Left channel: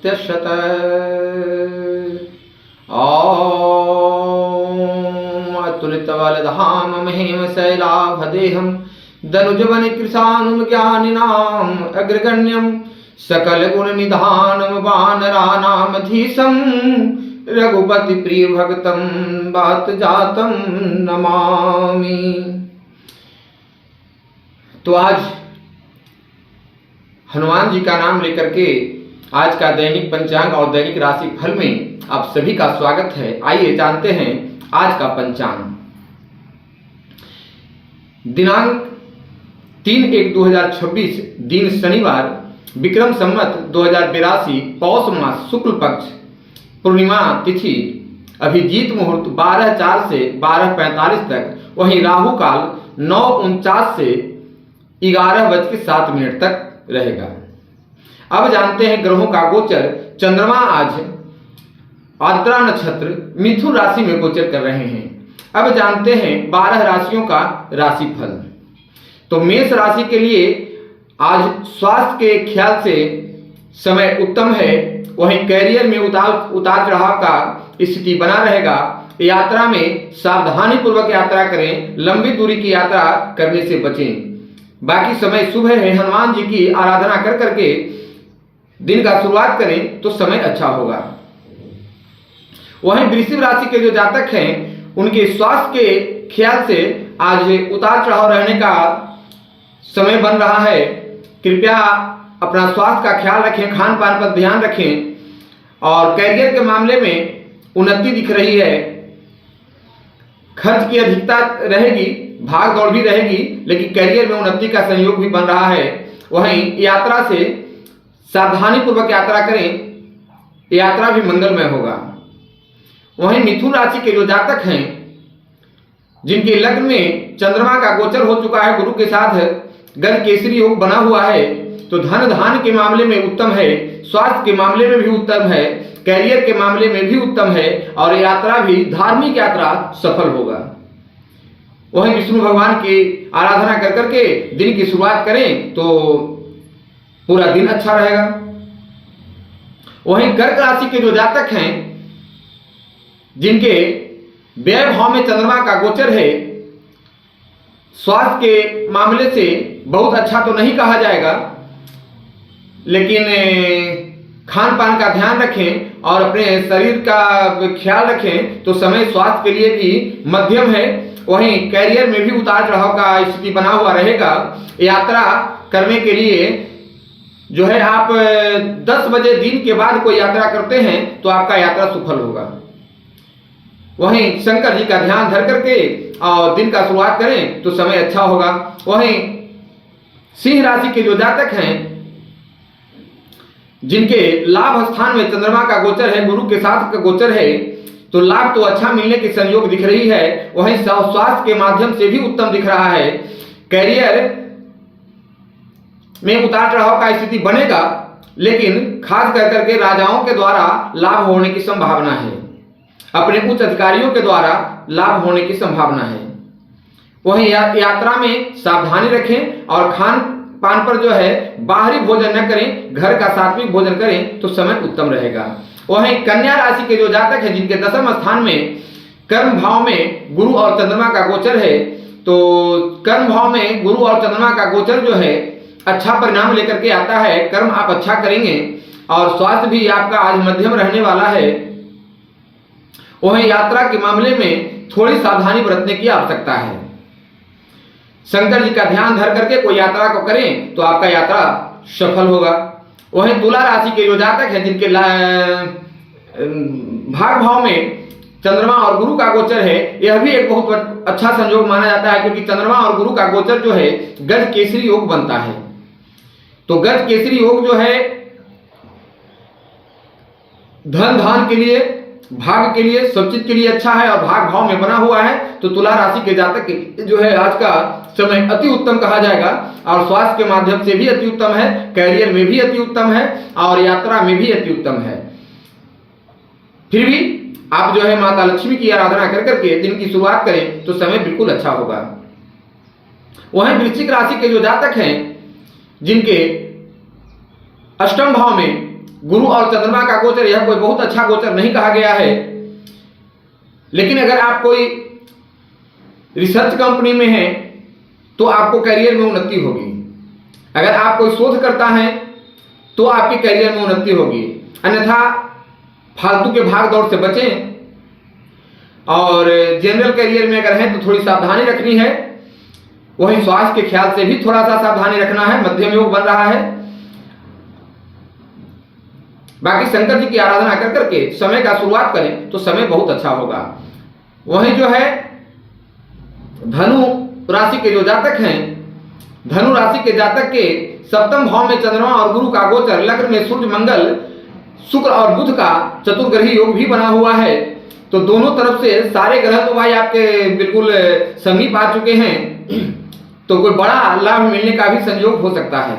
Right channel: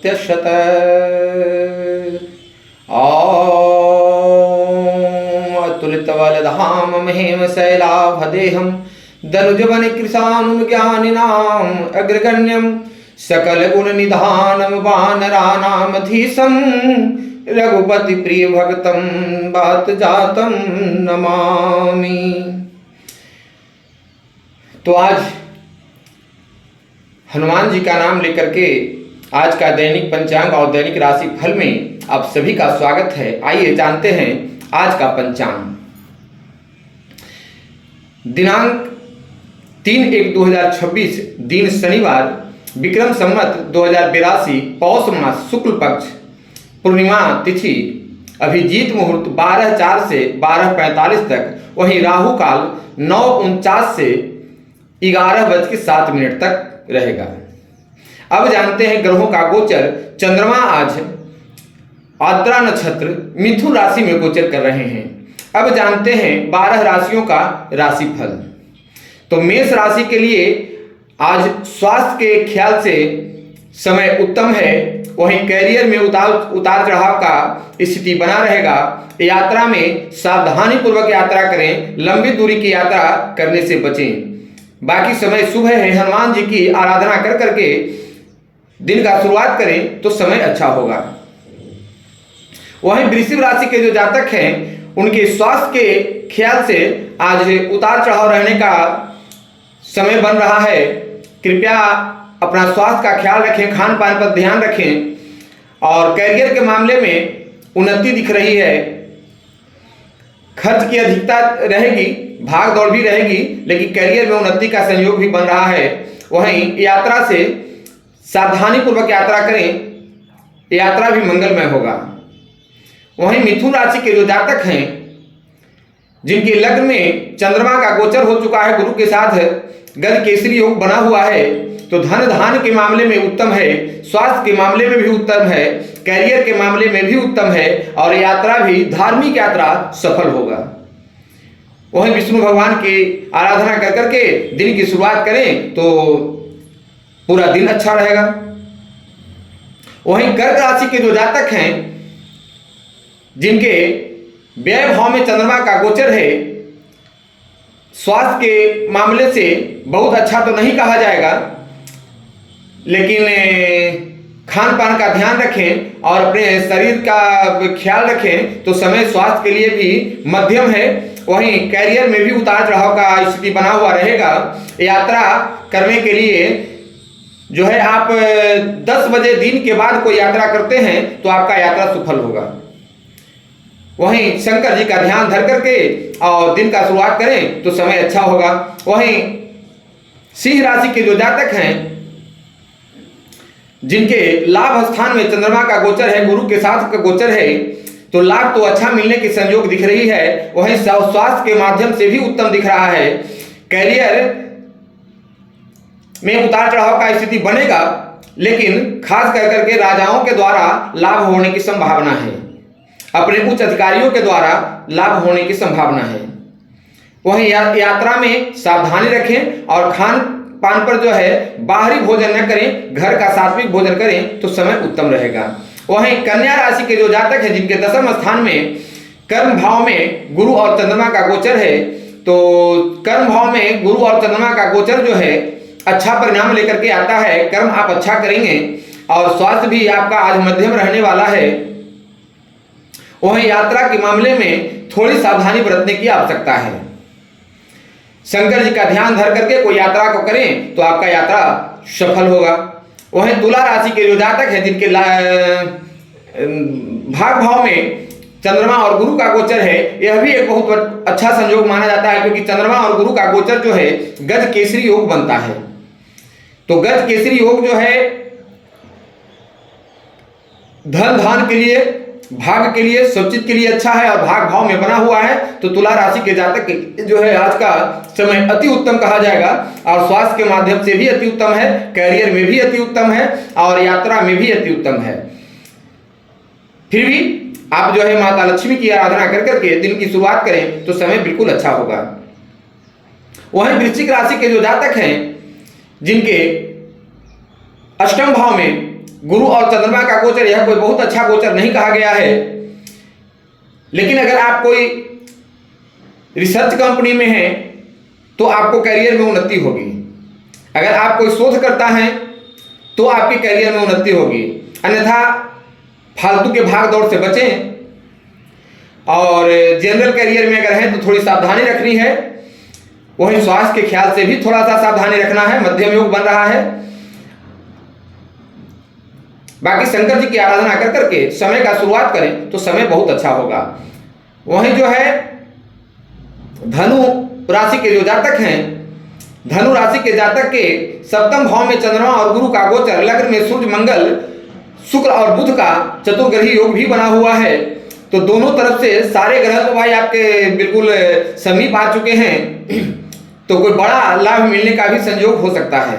प्रत्यशत। अतुलितबलधाम महेम शैलाभदेहं दनुजवन कृशानुम ज्ञानिनाम अग्रगण्यम सकल गुण निधानम वानरानामधीशं रघुपति प्रिय भक्तम बात जातम नमामि। तो आज हनुमान जी का नाम लेकर के आज का दैनिक पंचांग और दैनिक राशि फल में आप सभी का स्वागत है। आइए जानते हैं आज का पंचांग। दिनांक 3/1/2026 दिन शनिवार, विक्रम संवत 2082 पौष मास शुक्ल पक्ष पूर्णिमा तिथि, अभिजीत मुहूर्त 12:04 से 12:45 तक, वहीं राहु काल 9:49 से 11:07 तक रहेगा। अब जानते हैं ग्रहों का गोचर। चंद्रमा आज आद्रा नक्षत्र मिथुन राशि में गोचर कर रहे हैं। अब जानते हैं 12 राशियों का राशिफल। तो मेष राशि के लिए आज स्वास्थ्य के ख्याल से समय उत्तम है, वहीं कैरियर में उतार चढ़ाव का स्थिति बना रहेगा। यात्रा में सावधानी पूर्वक यात्रा करें, लंबी दूरी की यात्रा करने से बचें। बाकी समय शुभ है। हनुमान जी की आराधना कर करके दिन का शुरुआत करें तो समय अच्छा होगा। वहीं वृश्चिक राशि के जो जातक हैं उनके स्वास्थ्य के ख्याल से आज उतार चढ़ाव रहने का समय बन रहा है। कृपया अपना स्वास्थ्य का ख्याल रखें, खान पान पर ध्यान रखें और कैरियर के मामले में उन्नति दिख रही है। खर्च की अधिकता रहेगी, भाग दौड़ भी रहेगी, लेकिन कैरियर में उन्नति का संयोग भी बन रहा है। वहीं यात्रा से सावधानी पूर्वक यात्रा करें, यात्रा भी मंगलमय होगा। वहीं मिथुन राशि के जो जातक हैं जिनके लग्न में चंद्रमा का गोचर हो चुका है, गुरु के साथ गज केसरी योग बना हुआ है, तो धन धान के मामले में उत्तम है, स्वास्थ्य के मामले में भी उत्तम है, कैरियर के मामले में भी उत्तम है और यात्रा भी धार्मिक यात्रा सफल होगा। वहीं विष्णु भगवान की आराधना कर करके दिन की शुरुआत करें तो पूरा दिन अच्छा रहेगा। वहीं कर्क राशि के जो जातक हैं जिनके व्यय भाव में चंद्रमा का गोचर है, स्वास्थ्य के मामले से बहुत अच्छा तो नहीं कहा जाएगा, लेकिन खान पान का ध्यान रखें और अपने शरीर का ख्याल रखें तो समय स्वास्थ्य के लिए भी मध्यम है। वहीं कैरियर में भी उतार चढ़ाव का स्थिति बना हुआ रहेगा। यात्रा करने के लिए जो है आप 10 बजे दिन के बाद कोई यात्रा करते हैं तो आपका यात्रा सफल होगा। वहीं शंकर जी का ध्यान धर करके और दिन का शुरुआत करें तो समय अच्छा होगा। वहीं सिंह राशि के जो जातक हैं जिनके लाभ स्थान में चंद्रमा का गोचर है, गुरु के साथ का गोचर है, तो लाभ तो अच्छा मिलने की संयोग दिख रही है। वहीं स्वास्थ्य के माध्यम से भी उत्तम दिख रहा है। कैरियर में उतार चढ़ाव का स्थिति बनेगा, लेकिन खास कर करके राजाओं के द्वारा लाभ होने की संभावना है, अपने उच्च अधिकारियों के द्वारा लाभ होने की संभावना है। वहीं यात्रा में सावधानी रखें और खान पान पर जो है बाहरी भोजन न करें, घर का सात्विक भोजन करें तो समय उत्तम रहेगा। वहीं कन्या राशि के जो जातक हैं जिनके दशम स्थान में कर्म भाव में गुरु और चंद्रमा का गोचर है, तो कर्म भाव में गुरु और चंद्रमा का गोचर जो है अच्छा परिणाम लेकर के आता है। कर्म आप अच्छा करेंगे और स्वास्थ्य भी आपका आज मध्यम रहने वाला है। वहीं यात्रा के मामले में थोड़ी सावधानी बरतने की आवश्यकता है। शंकर जी का ध्यान धर करके कोई यात्रा को करें तो आपका यात्रा सफल होगा। वहीं तुला राशि के जो जातक हैं जिनके भाग भाव में चंद्रमा और गुरु का गोचर है, यह भी एक बहुत अच्छा संयोग माना जाता है, क्योंकि चंद्रमा और गुरु का गोचर जो है गज केसरी योग बनता है। तो गज केसरी योग जो है धन धान के लिए, भाग के लिए, सब चीज के लिए अच्छा है और भाग भाव में बना हुआ है। तो तुला राशि के जातक जो है आज का समय अति उत्तम कहा जाएगा और स्वास्थ्य के माध्यम से भी अति उत्तम है, कैरियर में भी अति उत्तम है और यात्रा में भी अति उत्तम है। फिर भी आप जो है माता लक्ष्मी की आराधना कर करके दिन की शुरुआत करें तो समय बिल्कुल अच्छा होगा। वहीं वृश्चिक राशि के जो जातक हैं जिनके अष्टम भाव में गुरु और चंद्रमा का गोचर यह कोई बहुत अच्छा गोचर नहीं कहा गया है। लेकिन अगर आप कोई रिसर्च कंपनी में हैं तो आपको करियर में उन्नति होगी। अगर आप कोई शोध करता है तो आपके करियर में उन्नति होगी। अन्यथा फालतू के भाग दौड़ से बचें। और जनरल करियर में अगर हैं तो थोड़ी सावधानी रखनी है। वहीं स्वास्थ्य के ख्याल से भी थोड़ा सा सावधानी रखना है। मध्यम योग बन रहा है। बाकी शंकर जी की आराधना कर करके समय का शुरुआत करें तो समय बहुत अच्छा होगा। वहीं जो है धनु राशि के जो जातक हैं, धनु राशि के जातक के सप्तम भाव में चंद्रमा और गुरु का गोचर, लग्न में सूर्य मंगल शुक्र और बुध का चतुर्ग्रही योग भी बना हुआ है। तो दोनों तरफ से सारे ग्रह तो भाई आपके बिल्कुल समीप आ चुके हैं। तो कोई बड़ा लाभ मिलने का भी संयोग हो सकता है।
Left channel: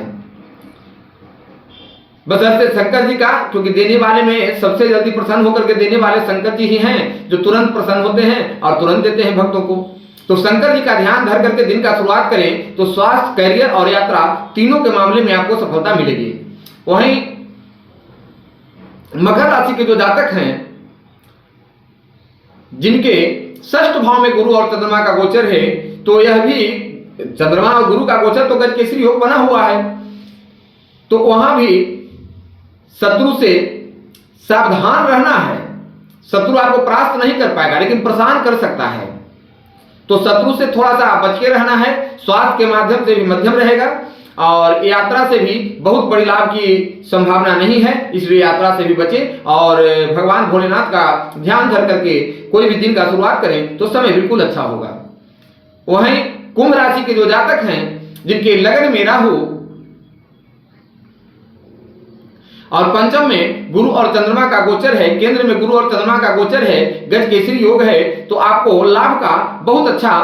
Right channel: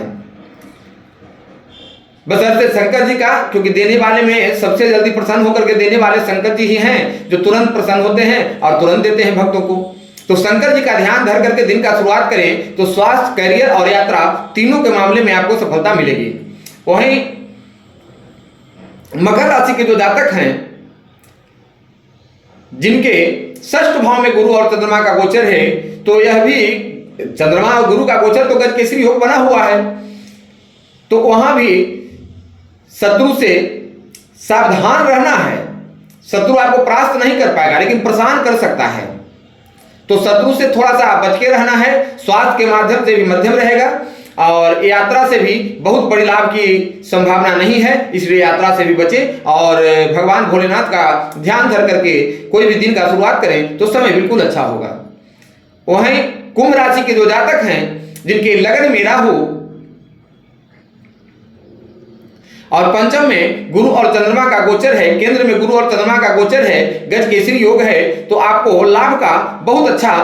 बशर्ते शंकर जी का, क्योंकि देने वाले में सबसे जल्दी प्रसन्न होकर के देने वाले शंकर जी ही हैं, जो तुरंत प्रसन्न होते हैं और तुरंत देते हैं भक्तों को। तो शंकर जी का ध्यान धर करके दिन का शुरुआत करें तो स्वास्थ्य, करियर और यात्रा तीनों के मामले में आपको सफलता मिलेगी। वहीं मकर राशि के जो जातक हैं, जिनके षष्ठ भाव में गुरु और चंद्रमा का गोचर है, तो यह भी चंद्रमा और गुरु का गोचर तो गजकेसरी योग बना हुआ है। तो वहां भी शत्रु से सावधान रहना है। शत्रु आपको परास्त नहीं कर पाएगा लेकिन परेशान कर सकता है। तो शत्रु से थोड़ा सा बच के रहना है। स्वास्थ्य के माध्यम से भी मध्यम रहेगा और यात्रा से भी बहुत बड़ी लाभ की संभावना नहीं है, इसलिए यात्रा से भी बचें और भगवान भोलेनाथ का ध्यान धर करके कोई भी दिन का शुरुआत करें तो समय बिल्कुल अच्छा होगा। वहीं कुंभ राशि के जो जातक हैं, जिनके लग्न में राहु और पंचम में गुरु और चंद्रमा का गोचर है, केंद्र में गुरु और चंद्रमा का गोचर है, गजकेसरी योग है, तो आपको लाभ का बहुत अच्छा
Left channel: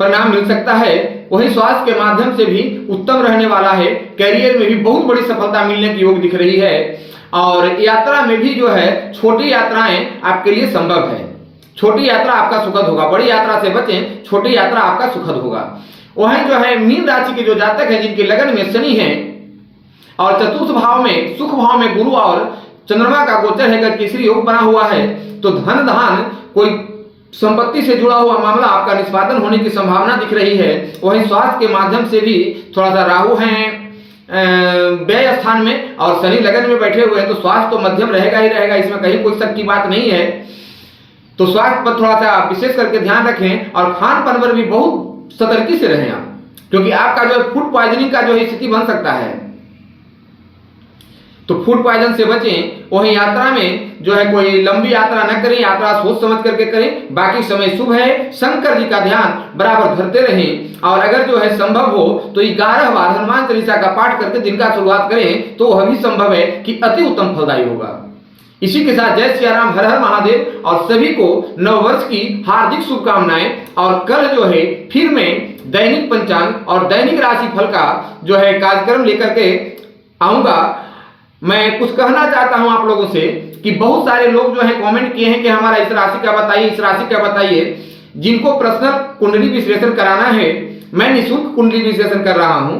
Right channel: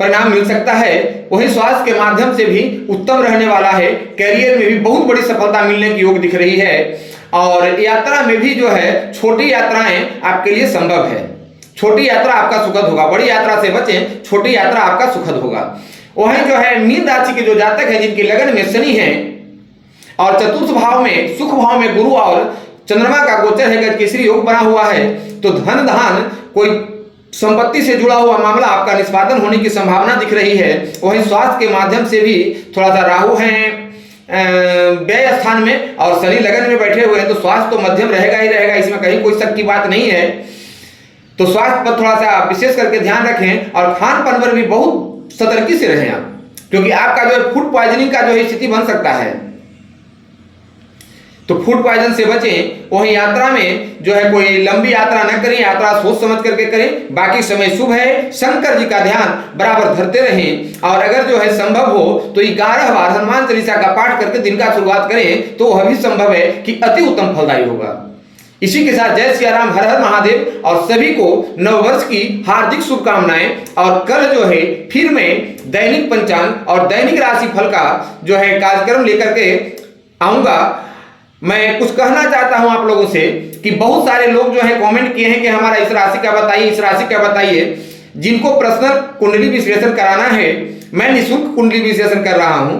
परिणाम मिल सकता है। वहीं स्वास्थ्य के माध्यम से भी उत्तम रहने वाला है। कैरियर में भी बहुत बड़ी सफलता मिलने की योग दिख रही है और यात्रा में भी जो है छोटी यात्राएं आपके लिए संभव है। छोटी यात्रा आपका सुखद होगा, बड़ी यात्रा से बचें, छोटी यात्रा आपका सुखद होगा। वहीं जो है मीन राशि के जो जातक है, जिनके लगन में शनि है और चतुर्थ भाव में सुख भाव में गुरु और चंद्रमा का गोचर है, गजकेसरी योग बना हुआ है, तो धन धान कोई संपत्ति से जुड़ा हुआ मामला आपका निष्पादन होने की संभावना दिख रही है। वहीं स्वास्थ्य के माध्यम से भी थोड़ा सा राहु हैं व्यय स्थान में और शनि लगन में बैठे हुए हैं, तो स्वास्थ्य तो मध्यम रहेगा ही रहेगा, इसमें कहीं कोई शक की बात नहीं है। तो स्वास्थ्य पर थोड़ा सा विशेष करके ध्यान रखें और खान पान पर भी बहुत सतर्की से रहें आप, क्योंकि आपका जो है फूड पॉइजनिंग का जो है स्थिति बन सकता है, तो फूड पॉइजन से बचें। वहीं यात्रा में जो है कोई लंबी यात्रा न करें, यात्रा सोच समझ करके करें। बाकी समय शुभ है। शंकर जी का ध्यान बराबर धरते रहें और अगर जो है संभव हो तो 11 बार हनुमान चालीसा का पाठ करके दिन का शुरुआत करें तो वह भी संभव है कि अति उत्तम फलदायी होगा। इसी के साथ जय सिया राम, हर हर महादेव और सभी को नववर्ष की हार्दिक शुभकामनाएं। और कल जो है फिर मैं दैनिक पंचांग और दैनिक राशि फल का जो है कार्यक्रम लेकर के आऊंगा। मैं कुछ कहना चाहता हूं आप लोगों से कि बहुत सारे लोग जो है कमेंट किए हैं कि हमारा इस राशि का बताइए, इस राशि का बताइए। जिनको पर्सनल कुंडली विश्लेषण कराना है, मैं निःशुल्क कुंडली विश्लेषण कर रहा हूं,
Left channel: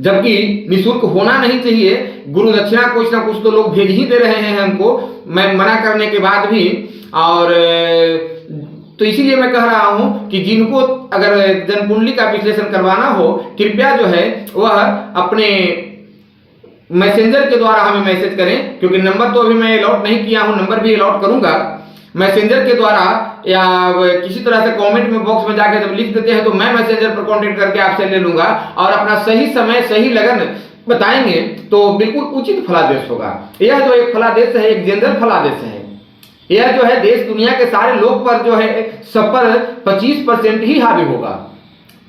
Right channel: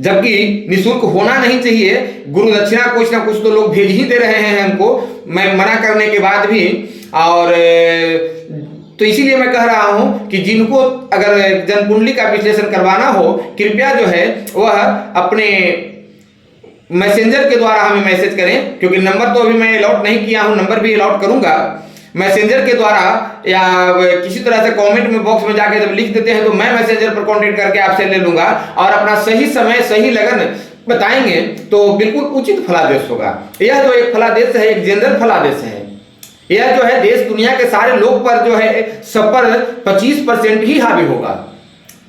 जबकि निःशुल्क होना नहीं चाहिए। गुरु दक्षिणा कुछ ना कुछ तो लोग भेज ही दे रहे हैं हमको, मैं मना करने के बाद भी। और तो इसीलिए मैं कह रहा हूं कि जिनको अगर जन्म कुंडली का विश्लेषण करवाना हो, कृपया जो है वह अपने मैसेंजर के द्वारा हमें मैसेज करें, क्योंकि नंबर तो अभी मैं अलॉट नहीं किया हूं, नंबर भी अलॉट करूंगा। मैसेंजर के द्वारा या किसी तरह से कमेंट में बॉक्स में जाकर जब लिख देते हैं तो मैं मैसेंजर पर कांटेक्ट करके आपसे ले लूंगा और अपना सही समय सही लगन बताएंगे तो बिल्कुल उचित फलादेश होगा। यह जो एक फलादेश है, एक जनरल फलादेश है। यह जो है देश दुनिया के सारे लोग पर जो है सब पर 25% ही हावी होगा।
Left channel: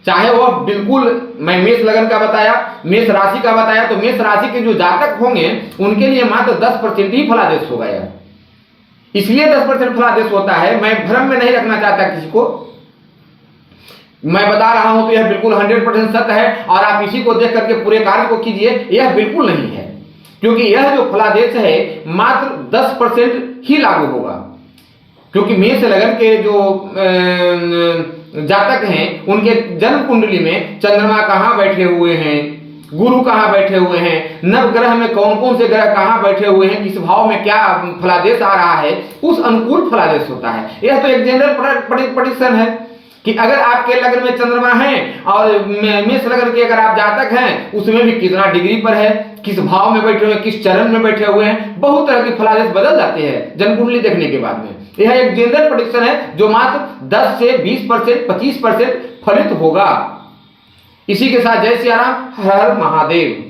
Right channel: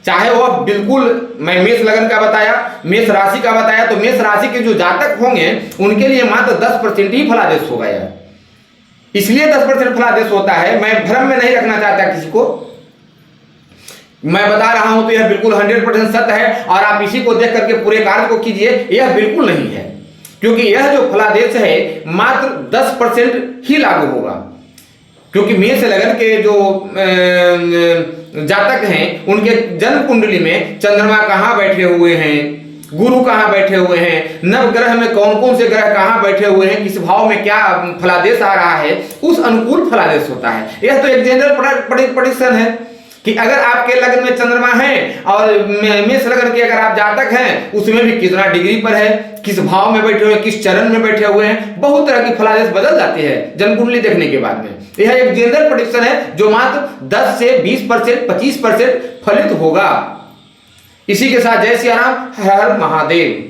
चाहे वह बिल्कुल, मैं मेष लगन का बताया, मेष राशि का बताया, तो मेष राशि के जो जातक होंगे उनके लिए मात्र 10% ही फलादेश होगा। यह इसलिए 10% फलादेश होता है, मैं भ्रम में नहीं रखना चाहता किसी को। मैं बता रहा हूं तो यह बिल्कुल 100% सत्य है और आप इसी को देख करके पूरे कार्य को कीजिए, यह बिल्कुल नहीं है। क्योंकि यह जो फलादेश है मात्र 10% ही लागू होगा, क्योंकि मेष लगन के जो जातक हैं उनके जन्म कुंडली में चंद्रमा कहाँ बैठे हुए हैं, गुरु कहाँ बैठे हुए हैं, नवग्रह में कौन कौन से ग्रह कहाँ बैठे हुए हैं, किस भाव में क्या फलादेश आ रहा है, उस अनुकूल फलादेश होता है। यह तो एक जनरल प्रेडिक्शन है कि अगर आपके लग्न में चंद्रमा है और मेष लग्न के अगर आप जातक हैं, उसमें भी कितना डिग्री पर है, किस भाव में बैठे हुए हैं, किस चरण में बैठे हुए हैं, बहुत तरह की फलादेश बदल जाती है जनकुंडली देखने के बाद में। यह एक जनरल प्रेडिक्शन है जो मात्र 10 से 20%, 25% फलित होगा। इसी के साथ जय सिया राम, हर हर महादेव।